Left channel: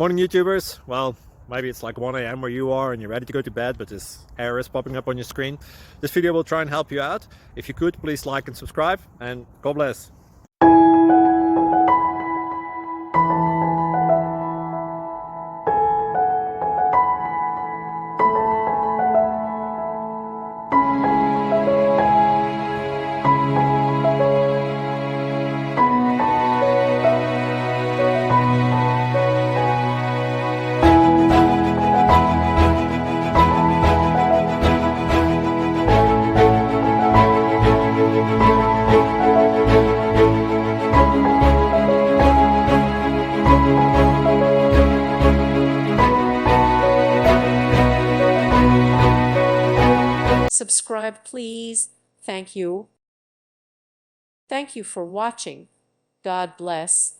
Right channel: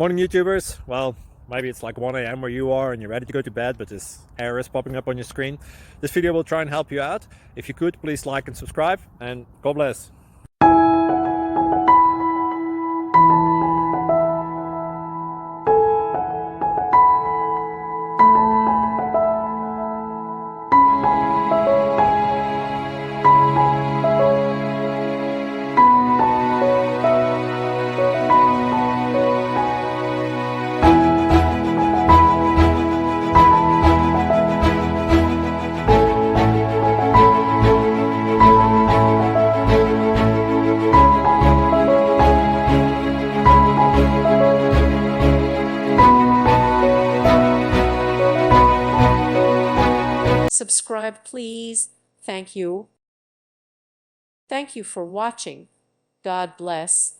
Morning YouTubers. Well, maybe it's like 1 a.m. where you are and you're ready to go to bed, but this error is popping up on your screen. This video will try and help you out. If you could, please like and subscribe, and God bless. Subscribe, please. Thank you. Thank you for watching. God bless.